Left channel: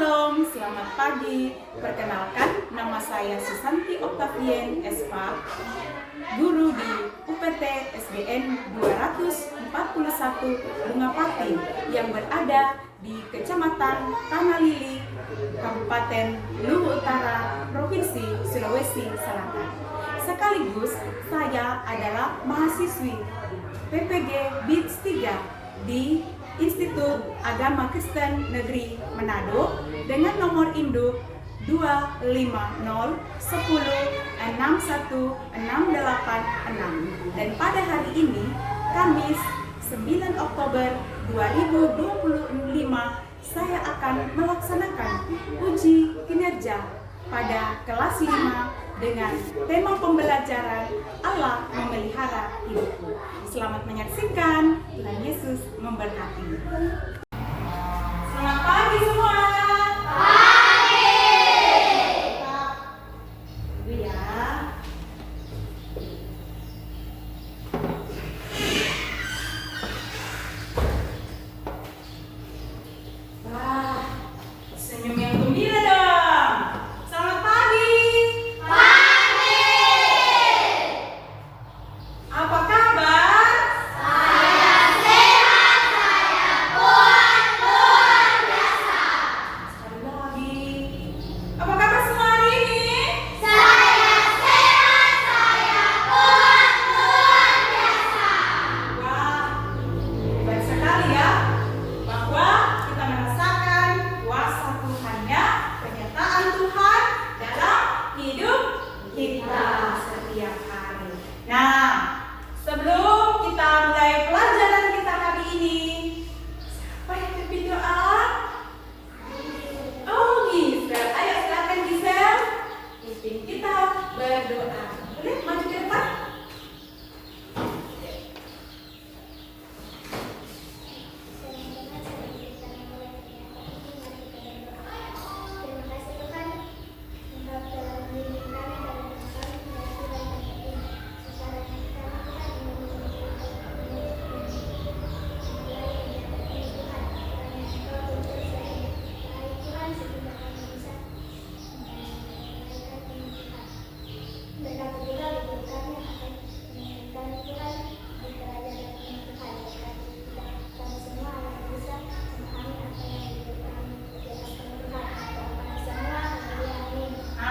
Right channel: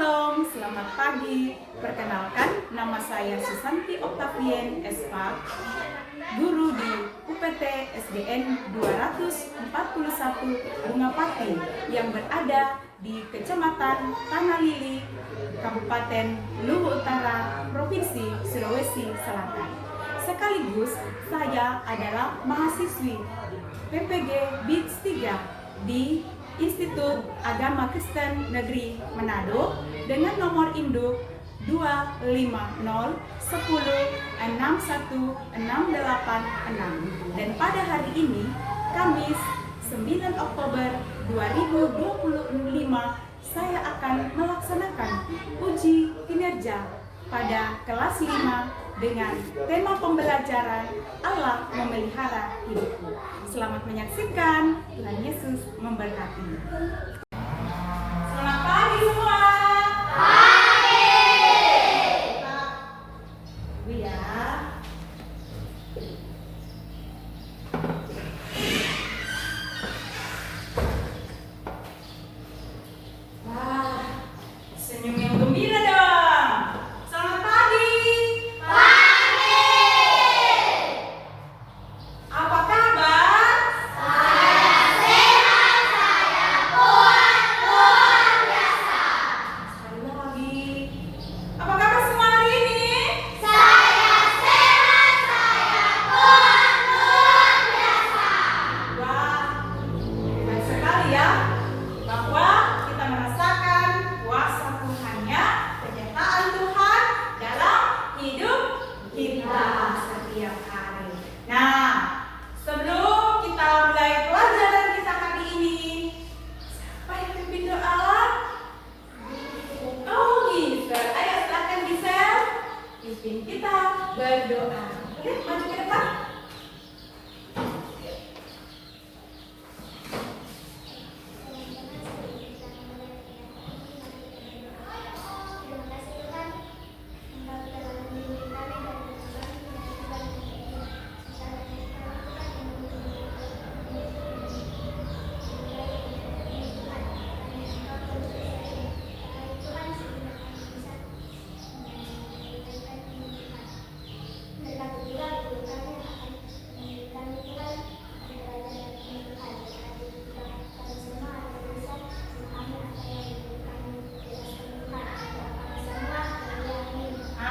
Shalom, selamat pagi. Perkenalkan, nama saya Susanti Octavien SPA, guru di UPT SDN 241 Bungapati yang berada di Kecamatan Tanah Lili, Kabupaten Luwu Utara, Provinsi Sulawesi Selatan. Sekaligus saya adalah mahasiswi PPG BITS 3 di Institut Agama Kristen Negeri Manado dengan nomor induk 250106168 dan pada hari ini Kamis 9 Oktober 2025 saya akan melaksanakan uji kinerja pada kelas 5 dengan tema pembelajaran Allah memelihara hidupku. Selamat menyaksikan, Tuhan Yesus memberkati. Selamat pagi semua. Pagi. Bu ya. Wah, senyum yang gembira dong. Selamat pagi. Pagi. Apa kabar? Kita berdoa. Boleh maju ke depan?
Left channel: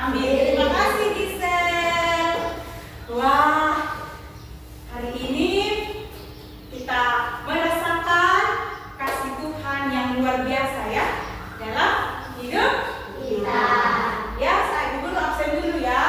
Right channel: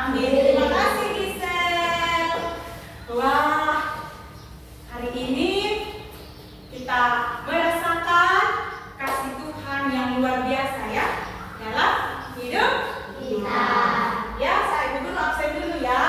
Terima kasih Gisel. Wah, hari ini kita merasakan kasih Tuhan yang luar biasa ya dalam hidup kita. Ya, saya dulu absen dulu ya.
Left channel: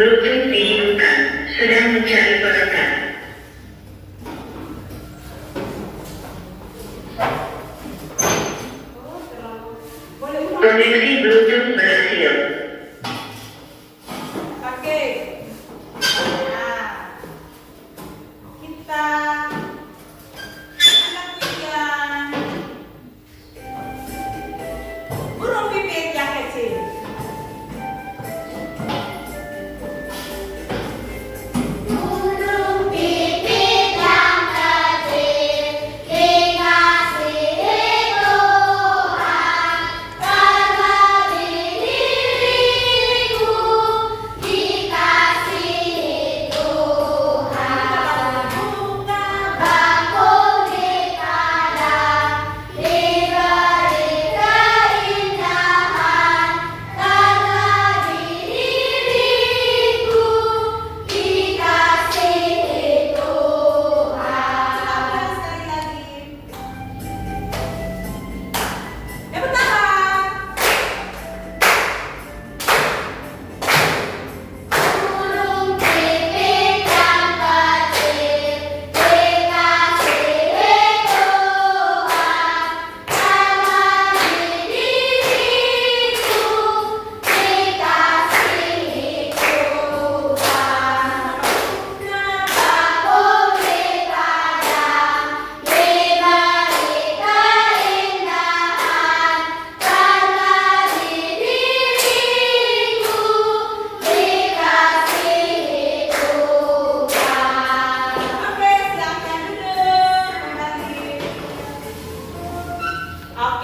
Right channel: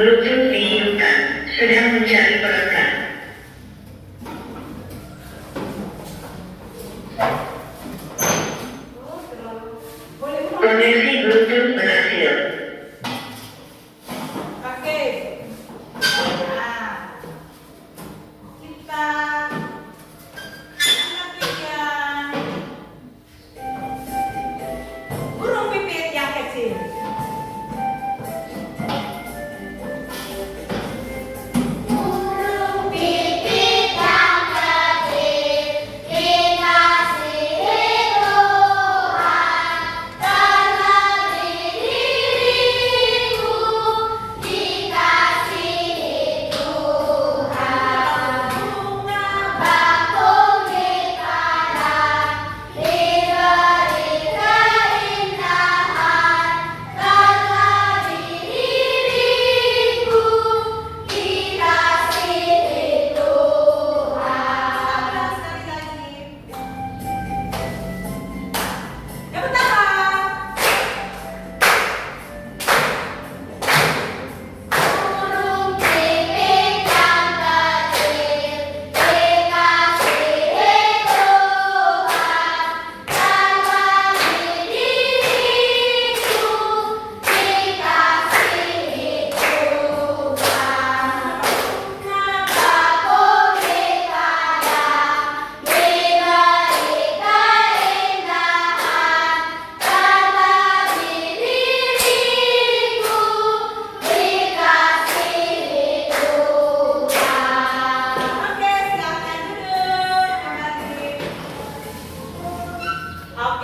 Bluetooth dihidupkan, sedang mencari perekam. Koneksi Bluetooth berhasil. Oke. Nah, kita lakukan burung pipit yang kecil.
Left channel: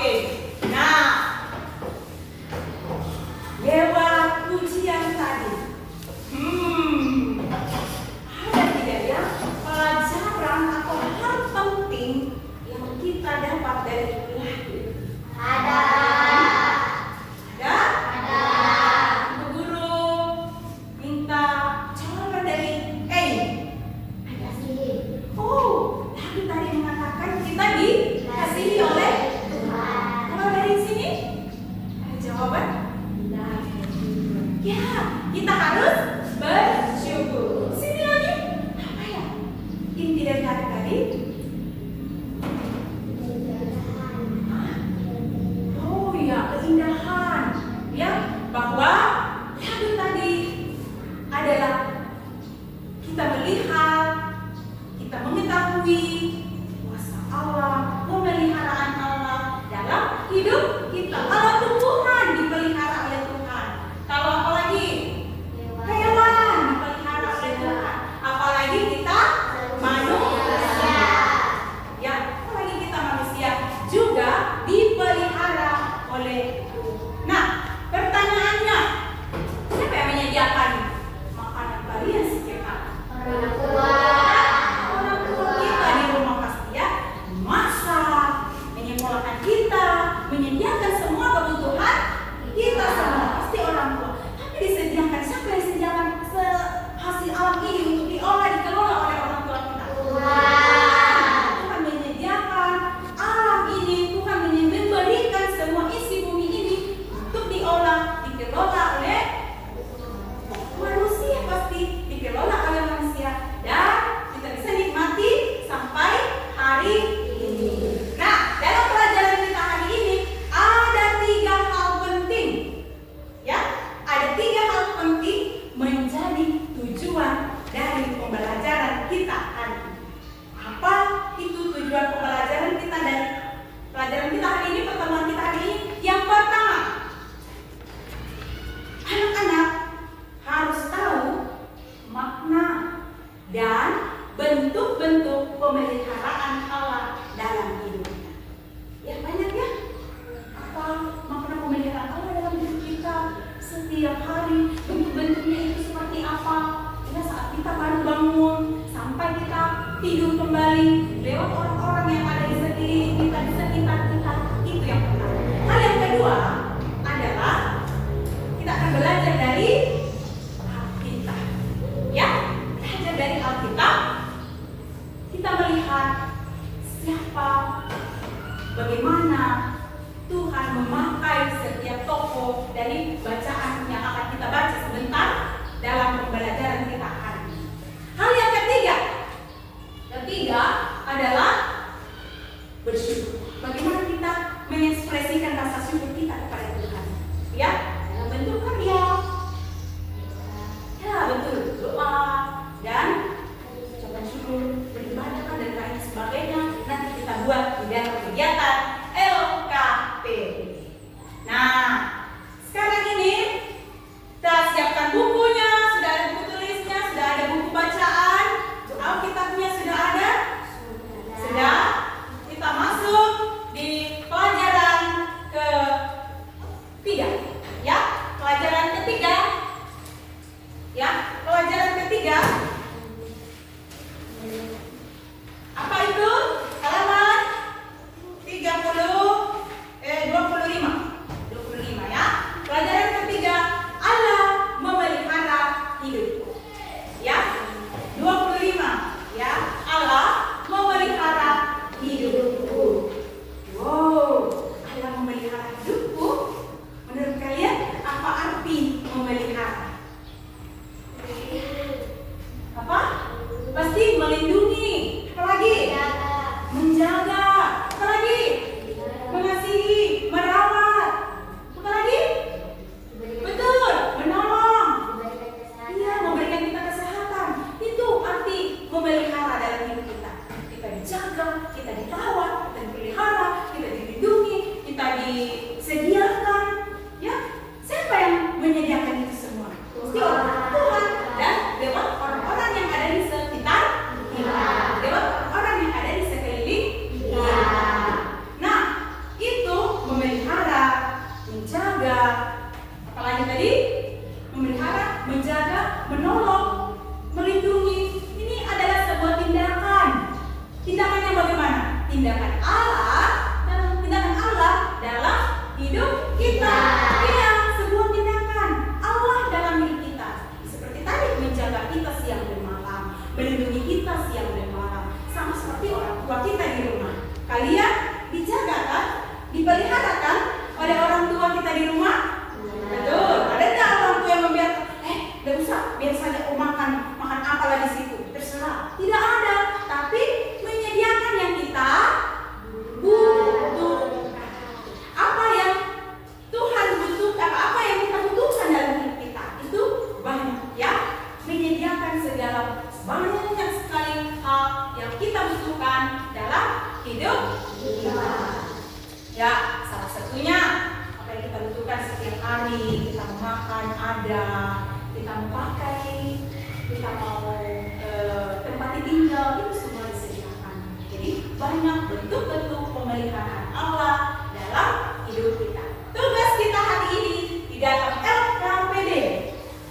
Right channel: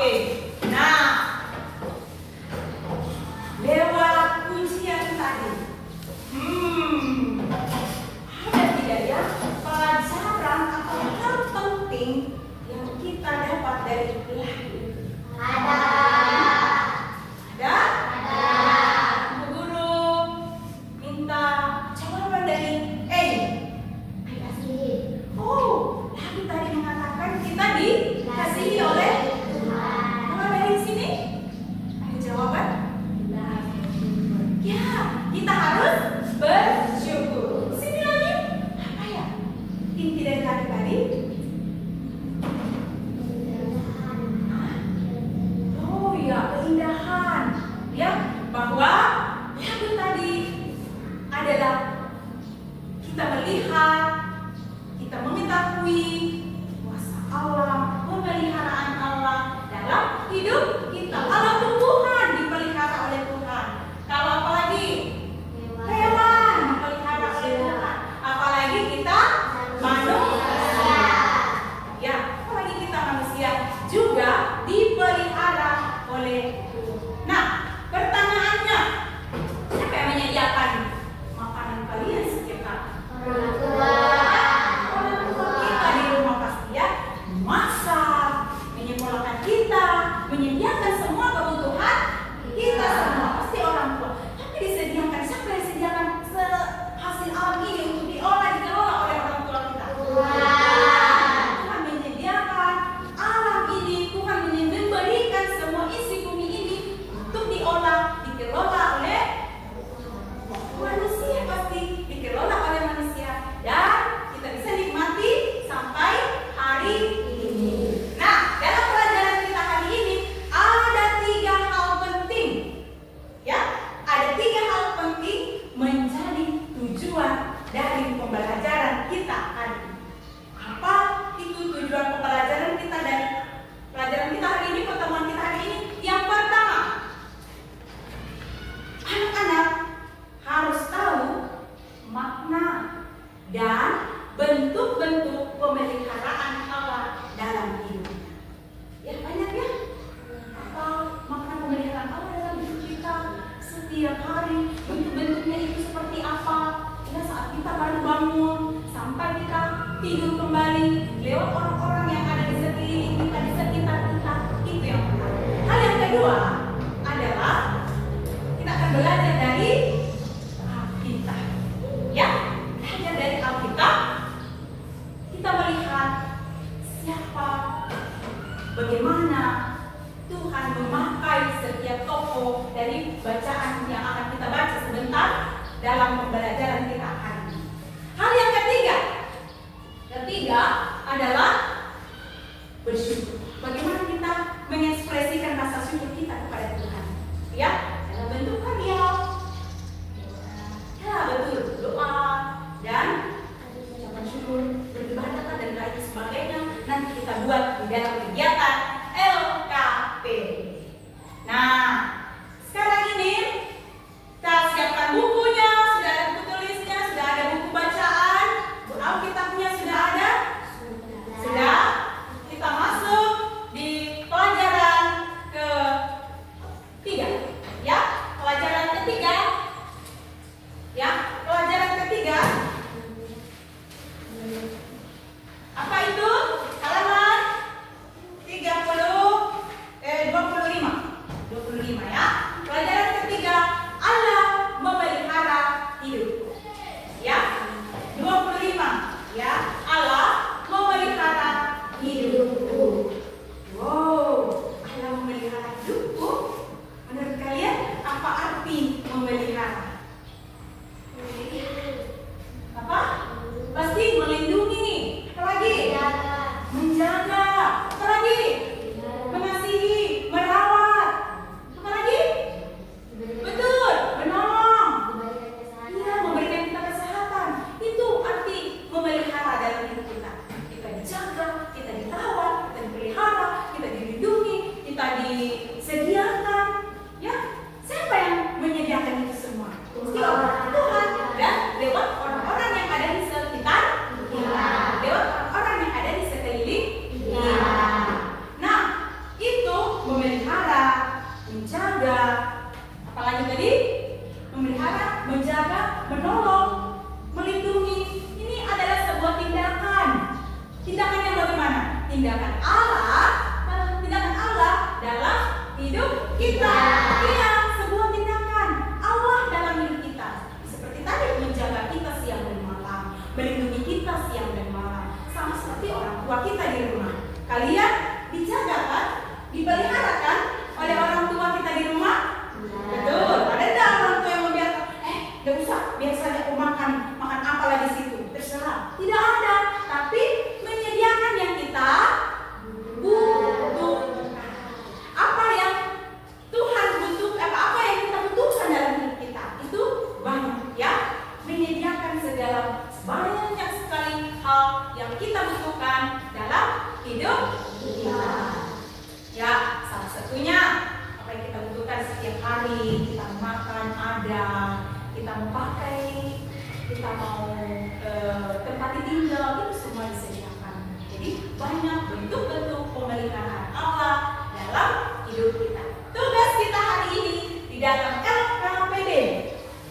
Oke. Nah, lewat ujian tadi, ada tidak ya pelajaran atau hal penting yang kita dapat dari lagu ini? Ada. Ada? Bu guru minta jawaban dari Ada sih. Oh, lagu tadi mengatakan kita dikasihi oleh Tuhan. Kalau dari sini ada jawaban? Ya, kita harus bersyukur. Sini lagi, apa ya? Inti dari kata tadi? Oh ya, keindahan. Ya, bahwa lagu tadi adalah kita melihat, kita mengetahui kuasa Allah, pemeliharaan Allah dalam hidup kita. Alam tumbuhan dipelihara oleh Tuhan. Kalau apalagi hewan dipelihara oleh Tuhan. Apalagi kita manusia. Ya, apalagi kita manusia juga dipelihara oleh Tuhan. Nah, pertanyaannya, siapa yang menyediakan makanan kalian setiap hari? Orang tua. Orang tua kita di rumah pasti ya masak, menyekolahkan kita, menyediakan semua kebutuhan kita semua. Pasti orang tua. Tapi disediakan, siapa yang disediakan hasil alam ini untuk diolah, dikelola oleh orang tua kita? Tuhan menyediakan alam ini, Tuhan memberikan semua isi bumi ini untuk diolah, dikelola oleh manusia, pasti dikelola oleh manusia, dan kita bisa nikmati sampai hari ini. Nah, dalam pelajaran kita hari ini ada 3 hal penting. Ya, ada 3 hal penting menjadi tujuan dari pembelajaran kita hari ini. Apa itu tujuan pembelajaran kita dari pelajaran kita hari ini, pertemuan kita hari ini? Yang pertama, anak-anak harus tahu makna dan bentuk-bentuk pemeliharaan Allah dalam hidupnya. Ya, banyak ya. Apa makna pemeliharaan Allah dalam hidup kita setiap hari? Bentuk-bentuknya itu seperti apa? Ya, saat kita baru bangun sampai kita tidur kembali, lewat orang-orang yang ada di sekeliling kita, di sekitar kita. Itu yang pertama. Hal yang kedua adalah kita akan belajar dari Alkitab. Ya, belajar dari Alkitab. Kita melihat siapa, bagaimana Tuhan memakai setiap tokoh dari bacaan yang akan kita baca sebentar dalam pembelajaran kita hari ini. Hal yang ketiga adalah bersyukur. Bagaimana kita mengekspresikan rasa syukur kita kepada Tuhan? Ya, dalam bentuk karya. Ya, betul, doa dan ucapan syukur, beribadah dan lain sebagainya. Nanti kita buat di dalam kegiatan LKP. Nah, sekarang ini kita siapkan bukunya, sudah ada buku tulisnya, sudah ada buku bacaan, Alkitabnya sudah ada. Sudah, kita masuk di pelajaran ketiga. Ya, pelajaran ketiga. Ya, pelajaran ketiga. Apa itu? Halaman 25 ya. Pelajaran ketiga, Allah memelihara hidupku. Ya, 25 ya. Allah memelihara hidupku. Wow, Allah memelihara hidupku. Menurut kalian apa arti memelihara? Apa? Pasti melindungi. Apa lagi? Menjaga. Apa lagi? Mengasihi, merawat. Apa lagi? Betul, menolong. Iya, memberikan kita kesehatan. Itu arti memelihara dalam hidup kita. Kita dijaga, kita dirawat, kita dipelihara, kita dilindungi, kita disediakan. Ya, siapa yang menyediakan itu semua? Tuhan. Dan lewat orang-orang yang ada di sekitar kita, lewat orang-orang yang ada di sekeliling kita. Nah, itu menjaga, apalagi tadi? Memelihara, menjaga, menolong, melindungi. Ini adalah sebuah tindakan. Tindakan yang bagaimana? Tindakan Allah dalam hidup kita. Iya, sebuah tindakan Allah dalam hidup kita. Seperti tadi, menjaga kita siang dan malam, melindungi kita siang dan malam. Sama seperti orang tua kita di rumah. Kalian dijaga kan? Dipelihara kan oleh orang tua kita di rumah? Betul. Ada nggak orang tua yang membiarkan? Nggak usah, biar saja aku makan apa lagi situ, terserah. Tidak ada, tapi menyediakan yang kita butuhkan. Apa yang Tuhan butuhkan, apa yang kita butuhkan dalam hidup kita itu banyak ya. Menyediakan segala banyak sekali hal yang kita butuhkan dalam hidup kita. Ya, salah satunya apa yang kita butuhkan setiap hari, kita mau makan ada, kita mau pakai, kita mau tempat tinggal, itu semua disediakan. Jadi banyak bentuk-bentuk pemeliharaan Allah dalam hidup kita. Tugas kita hari ini di dalam LKPD.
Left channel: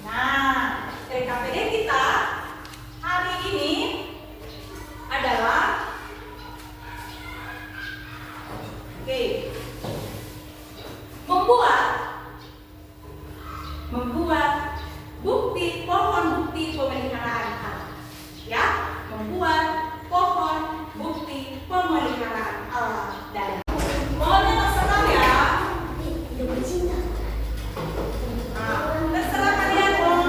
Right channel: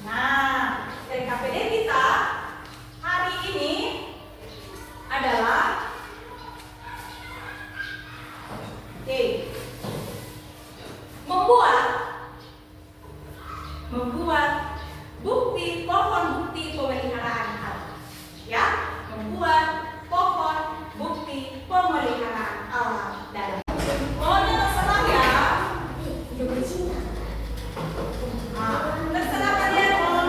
Nah, LKPD kita hari ini adalah membuat bukti pohon bukti pemeliharaan Allah. Ya, membuat pohon bukti pemeliharaan Allah dalam. Mohon terserah ya. Terserah kalian mohon.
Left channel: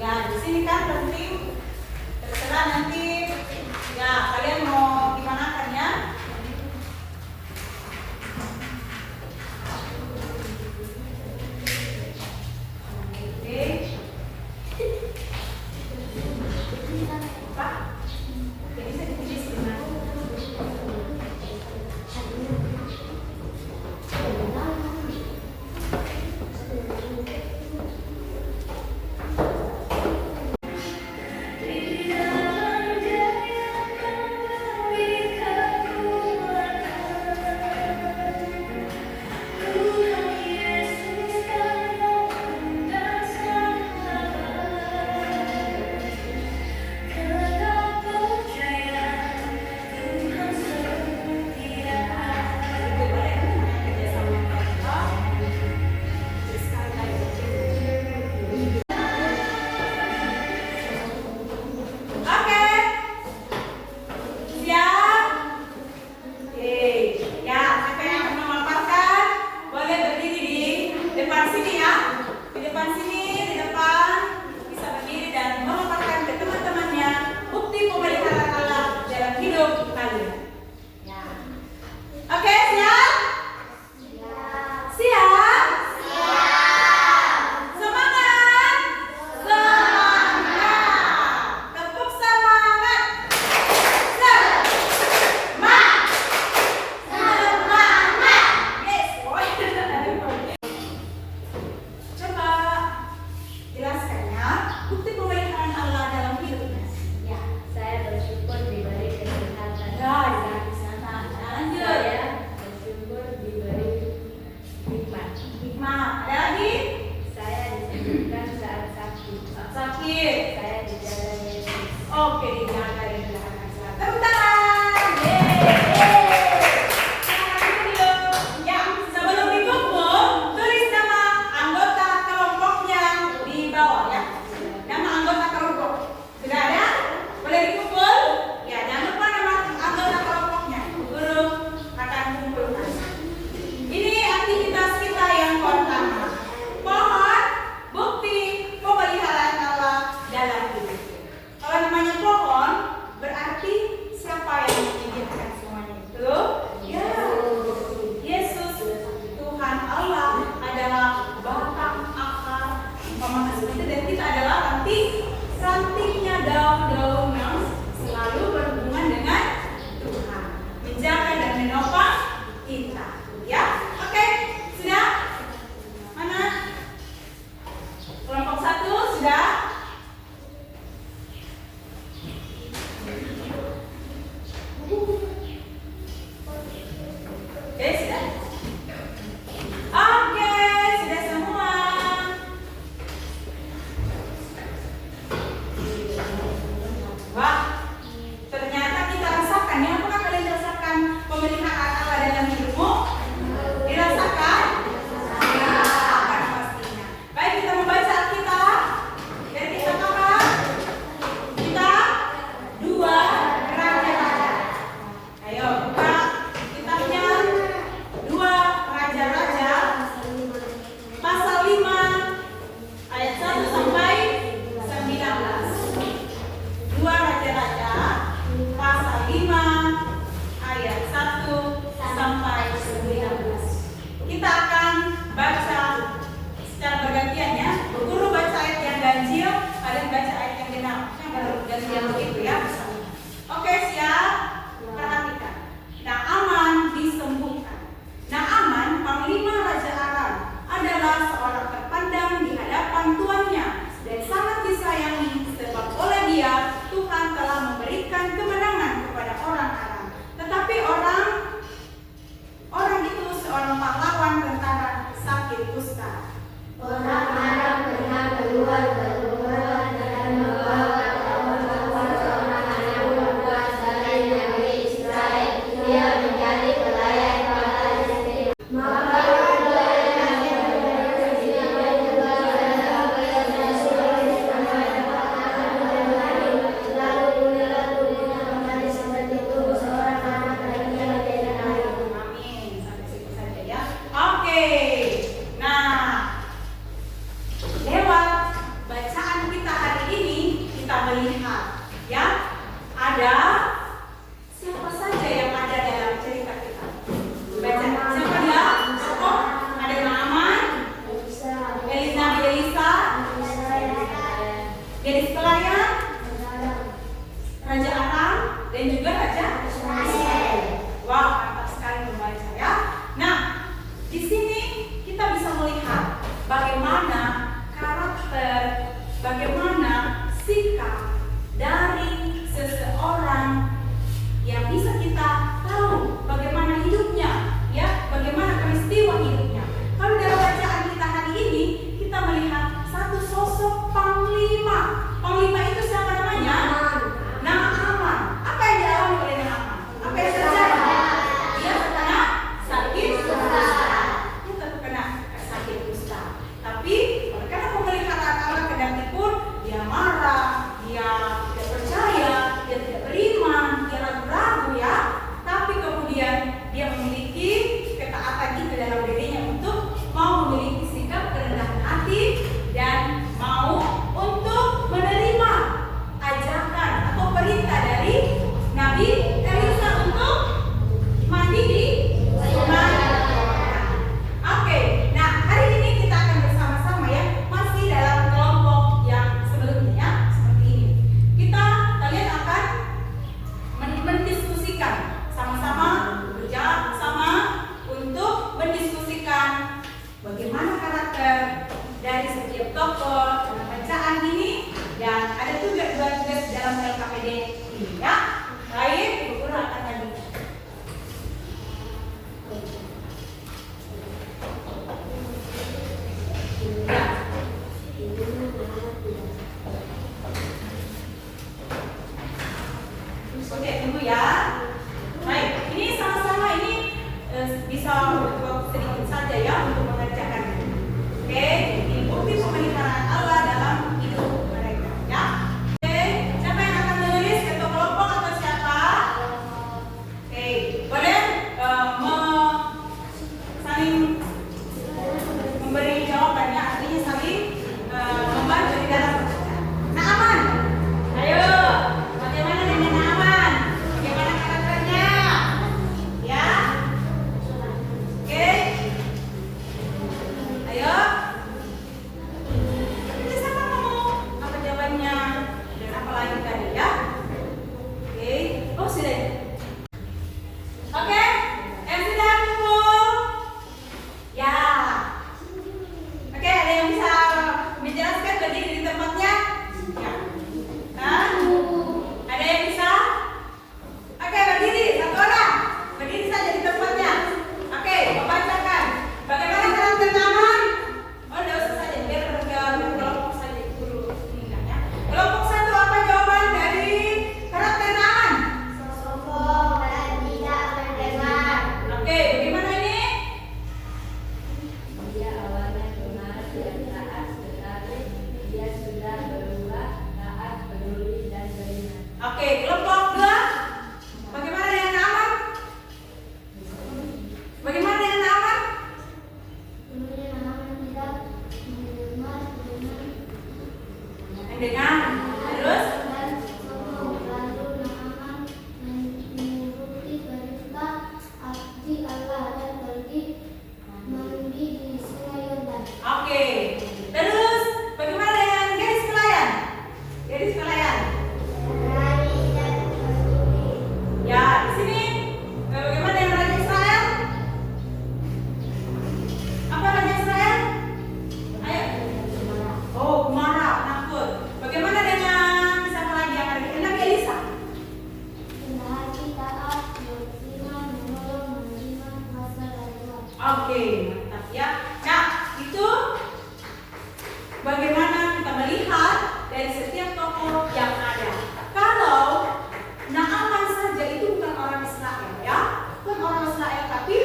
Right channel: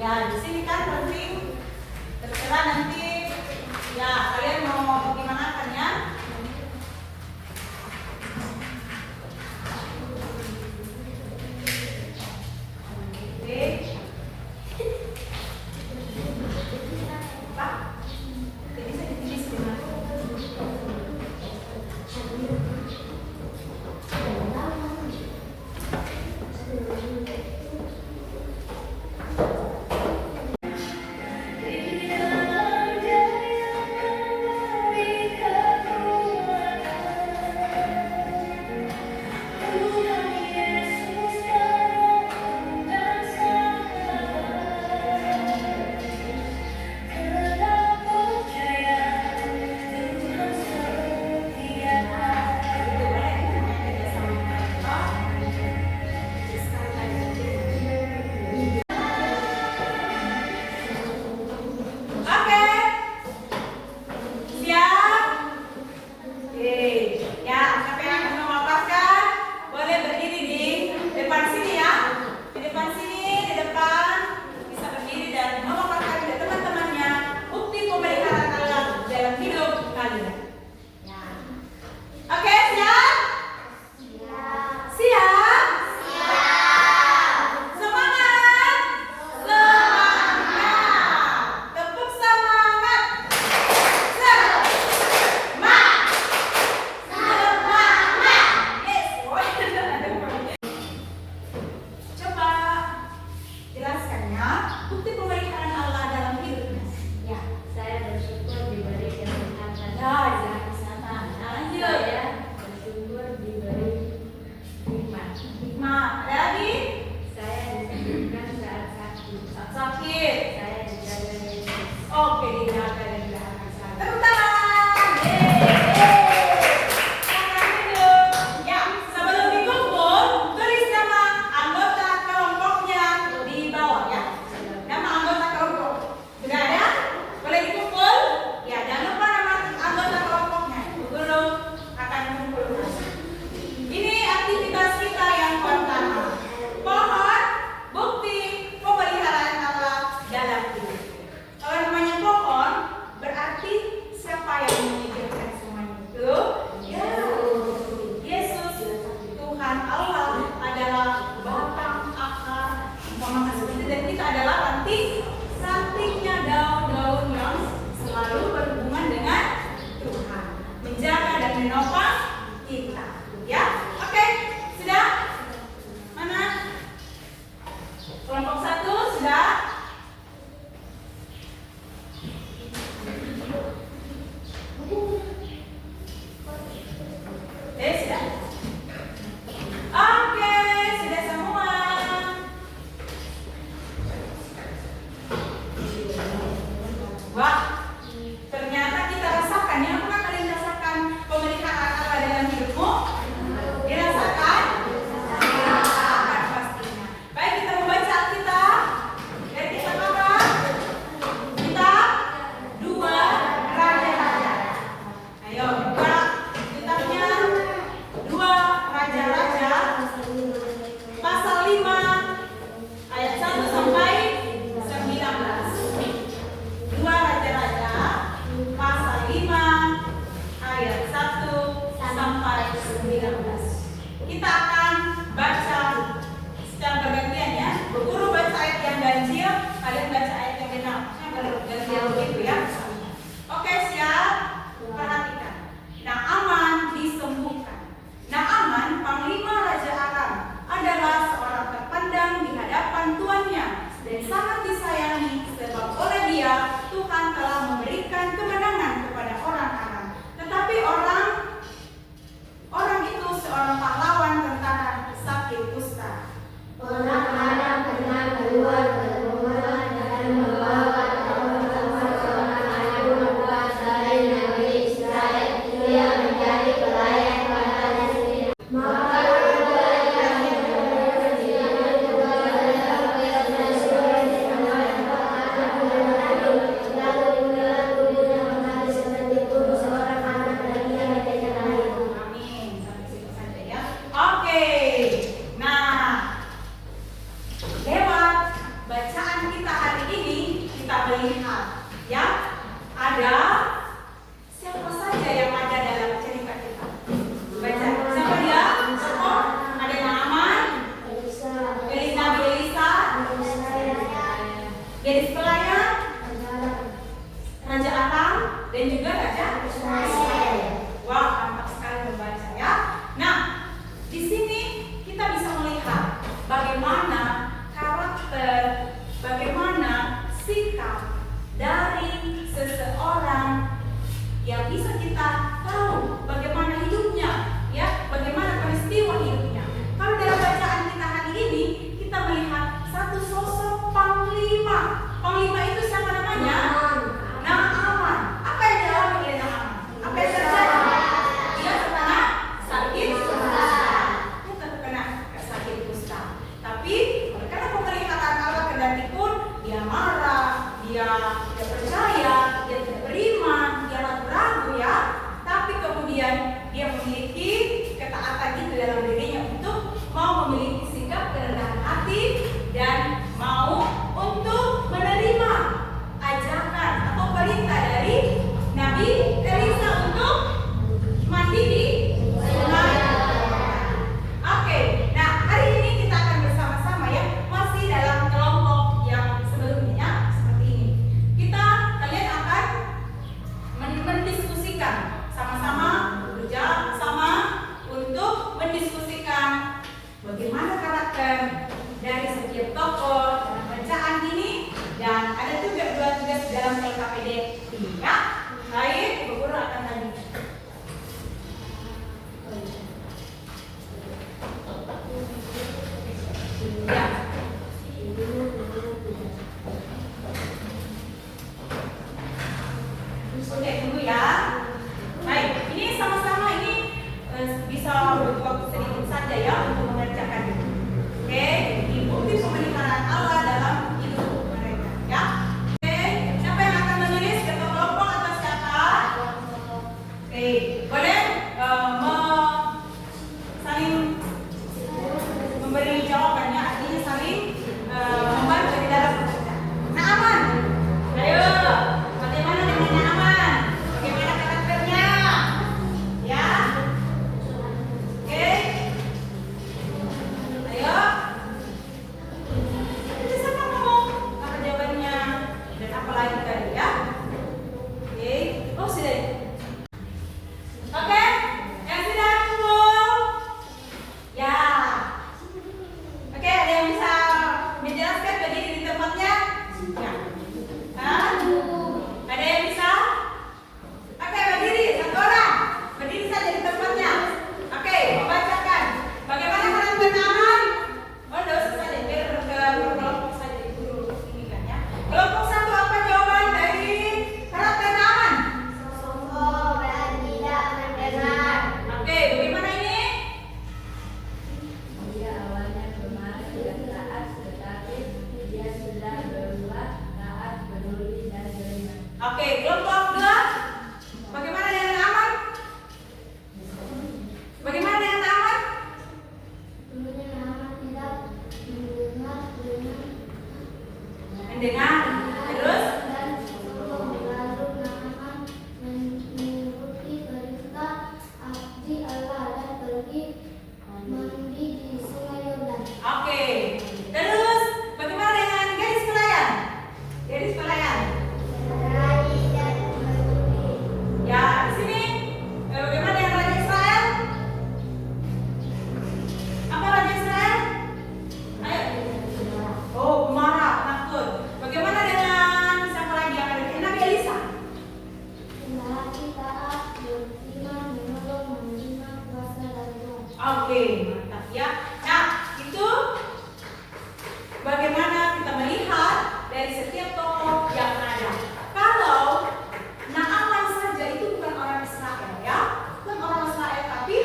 Ya, di sini kan penting. Terserah nanti. Ya, kalian mau gimana kan ya? Oke. Pak, jadi bisa ditulis dengan pohon dan juga Raja Israel. Wah, mantap sekali teman saya. Nah, di sini kita bisa melihat bagaimana karakter, bagaimana sikap dari seseorang yang bisa kita tahu bagaimana hidupnya, ya, bagaimana peristiwa hidupnya. Kalau dalam bacaan kita hari ini, kita melihat satu sosok panglima. Panglima itu siapa namanya? Naaman. Apa yang dialami oleh Naaman? Apa yang terjadi? Dia terkena sakit kusta. Dia terkena sakit kusta. Tapi karena pemelihatan Allah kendati pun dia marah, dia tidak percaya, dia tidak beriman, dia ragu-ragu ya. Tapi kemudian dia memiliki ketaatan itu dalam dirinya untuk mau memiliki sikap kerendahan hati dan mau untuk menerima ajakan atau perintah dari Nabi Elisa untuk mandi di sungai. Oke, nah hari ini kita akan bersama-sama ya, masih dalam kelompok yang sebelumnya seperti ini. Kalian akan mendiskusikan sama-sama, bekerja sama untuk mendiskusikan bagaimana karakter dari setiap tokoh dalam bacaan ini, dan ada juga dua tugas dalam LKPD ini ya. Baik, Ibu Guru akan tanya. Ya. Oke, tunggu ya. Baik, ini sama-sama ini bisa butuh waktu sedikit saja ya untuk mengerjakan ini. Oke, jadi bukti pemeliharaan Allah dalam hidup mereka ya. Oke, siapa yang akan menulis? Ketua kelompok atau siapa? Oke, boleh saling memberi jawabannya, artinya saling membantu di dalam pekerjaan. Naaman, ayo, bagaimana dengan Naaman? Bagaimana karakternya? Ya, oke, ayo. Itu siapa kamu? Apa jawabannya? Dan apa lagi tadi ya? Oke, oh sudah. Oke, yang sudah kumpul. Ya. Oke, ada yang bisa menjelaskan berdiri di tempatnya? Ya. Hah? Ada yang bisa? Oke, berdiri satu orang. Berdiri saja di tempatnya. Oke, membacakan. Bagaimana karakter Naaman? Oh, tidak usah saja, biar kelompok saja guru ini kan ya. Kelompok satu, apa jawaban dari karakter Naaman? Sombong dan tidak mendengar. Oke, bagaimana ini? Dia awalnya pemalas dan taat, tetapi dia sudah berubah taat, peduli, dan beriman. Oke, kelompok dua. Bagaimana dengan Naaman? Bagaimana dengan Naaman? Kemudian Naaman tidak mendengar Mendengar. Terus? dan sombong. Lalu Naaman menuruti perintah abdi Allah dan pergi mandi di sungai Yordan. Oke. Terus bagaimana dengan gadis pelayan? Gadis pelayan. Berani dan berani. Ya, di sini bagaimana dengan Raja Israel? Apa Raja Israel? Ayo. Oh, marah, takut. Bagaimana dengan siapa lagi yang ada? Nabi Elisa. Hati taat, beriman, menolong, menerima kuasa dari Tuhan. Oke, mantap ya. Nah, itu bagaimana kita melihat dari setiap tokoh yang ada. Kalau Naaman saja itu bukan orang Israel ya, bukan orang Israel, tapi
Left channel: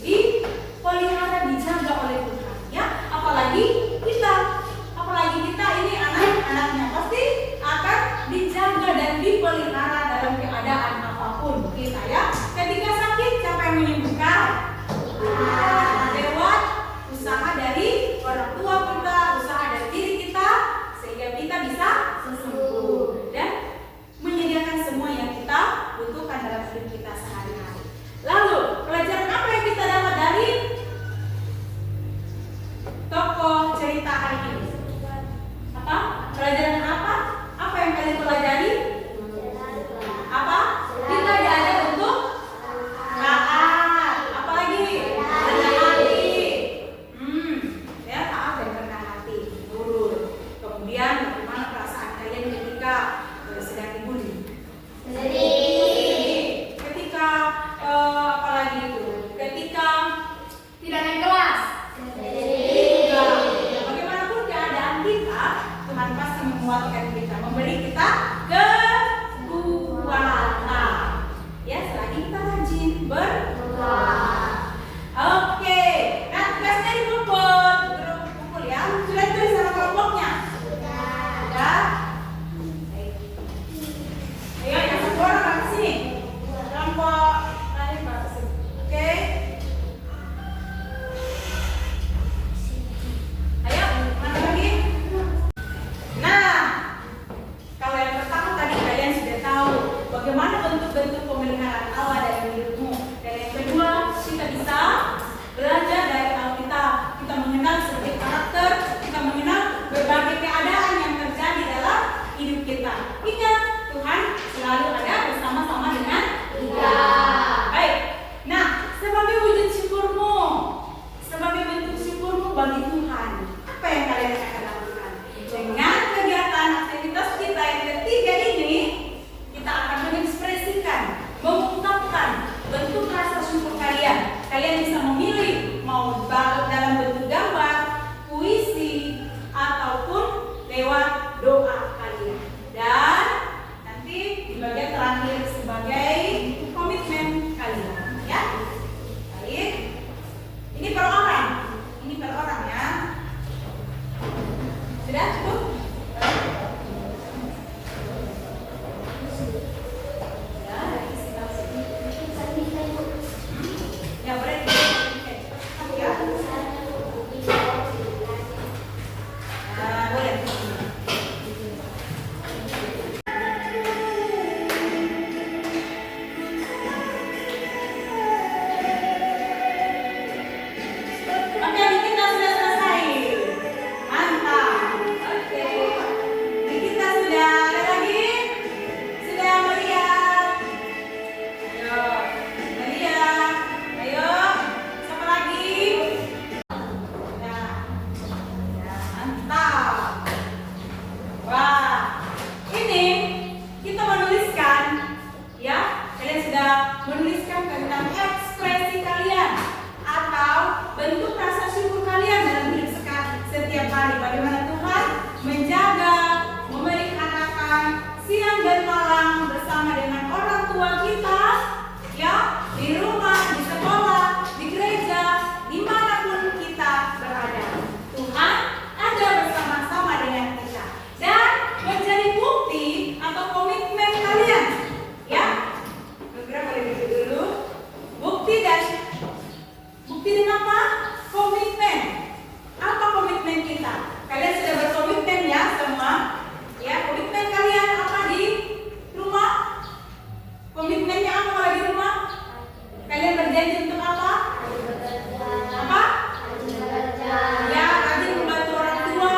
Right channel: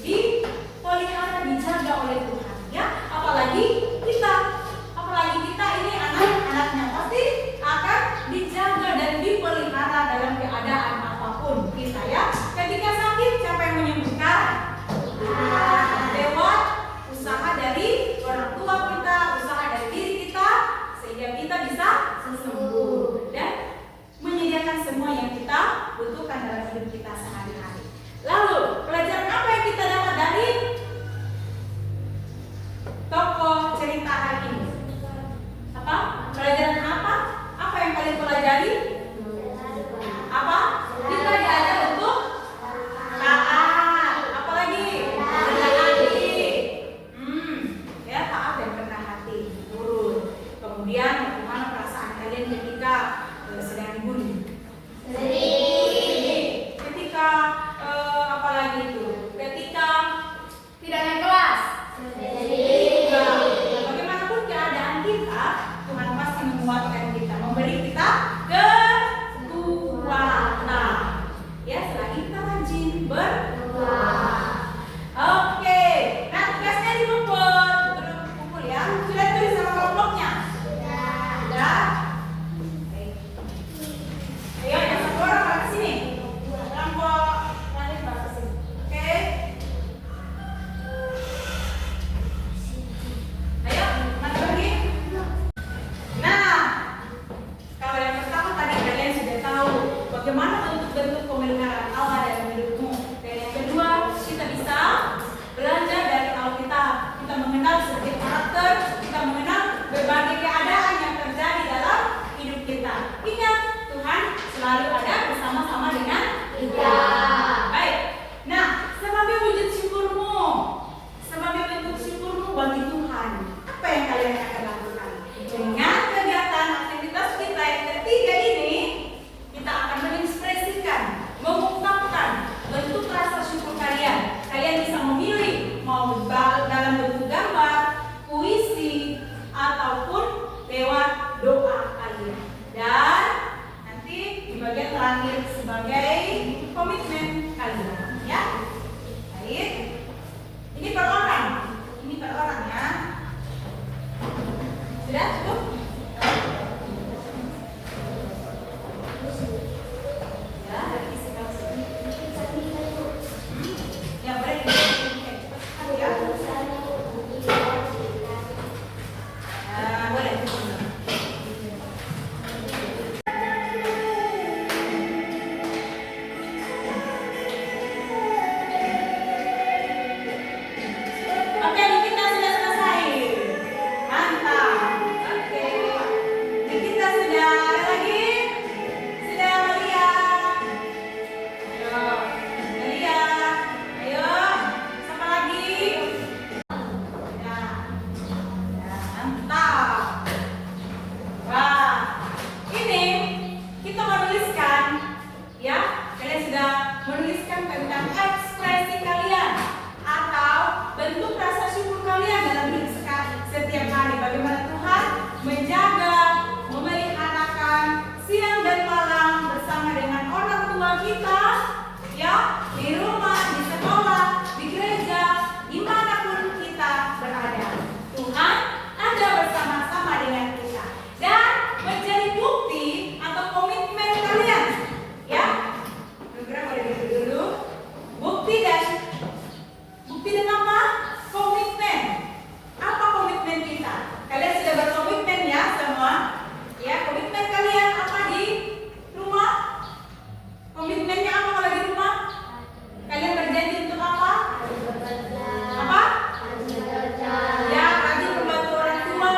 dipelihara, dijaga oleh Tuhan ya. Apalagi kita ini anak-anaknya pasti akan dijaga dan dipelihara dalam keadaan apapun kita ya. Ketika sakit, siapa yang menyembuhkan? Dewa Bagaimana bentuk-bentuk pemeliharaan Allah dalam hidupmu. Dan yang kedua, kita bisa belajar dari Alkitab. Kita mengenal setiap karakter, kita mengenal berbagai keadaan yang terjadi dalam hidup kita. Ingat, Tuhan selalu ada bersama-sama dengan kita. Baik. Nah, sebagai wujud syukurmu, sebagai bentuk syukurmu bagi Tuhan, apa yang kalian akan lakukan? Dengan kegiatan aktivitas kita yang ketiga ini, kita akan mengekspresikan, mengungkapkan bentuk rasa syukur kalian. Kalian bisa memilih mau dalam bentuk gambar, puisi, ataupun lewat doa kalian. Dan nanti di bagian terakhir sebagai komitmen kalian, ya. Baik. Ini per orang ya. Sudah cukup? Ya, dari isi kamu. Ya, boleh. Ya. Boleh. Oke, Nikita sudah selesai. Mantap. Oke. Nikita sudah ada lagi? Sudah melihat? Ayo, melihat. Ayo, siapa lagi? Ya. Mantap. Wah, ini kita menuliskan, ya. Kalian sudah menuliskan tentang ekspresi kalian atau bentuk rasa syukur kalian dalam hidup setiap hari. Bagaimana Tuhan menjaga, memeliharakan siang dan malam bersama dengan orang tua kita, ya, di rumah, di sekolah, di gereja, dimanapun kita berada. Tuhan ada bersama-sama dengan kita dan menjadi bukti atau komitmen kalian, ya. Program boleh duduk dulu. Bukti dan apa? Komitmen. Apa komitmen kita? Kalian sudah berkomitmen ya semua? Ya, komitmen kalian apa di rumah? Komitmennya apa kalau di rumah? Kalian berjanji untuk apa? Apa? Ya, rajin membantu orang tua,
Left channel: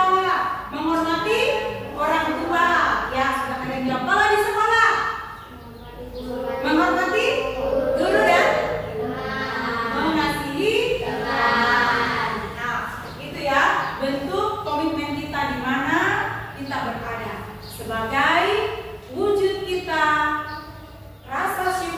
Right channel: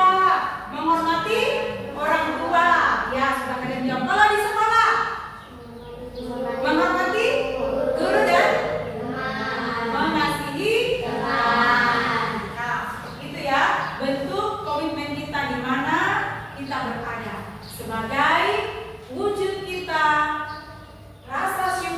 menghormati orang tua. Ya, sudah kalian jawab. Kalau di sekolah, menghormati guru dan mengasihi teman. Nah, itu ya bentuk komitmen kita di mana kita berada sebagai wujud kita rasa syukur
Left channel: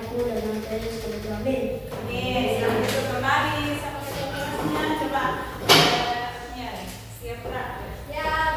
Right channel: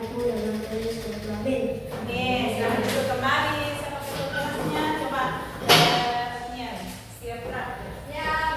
aku dengan terus berjamin. Amin. Selamat duduk kembali. Sama ketua kelasnya. Coba. Siap, Pra. Ya.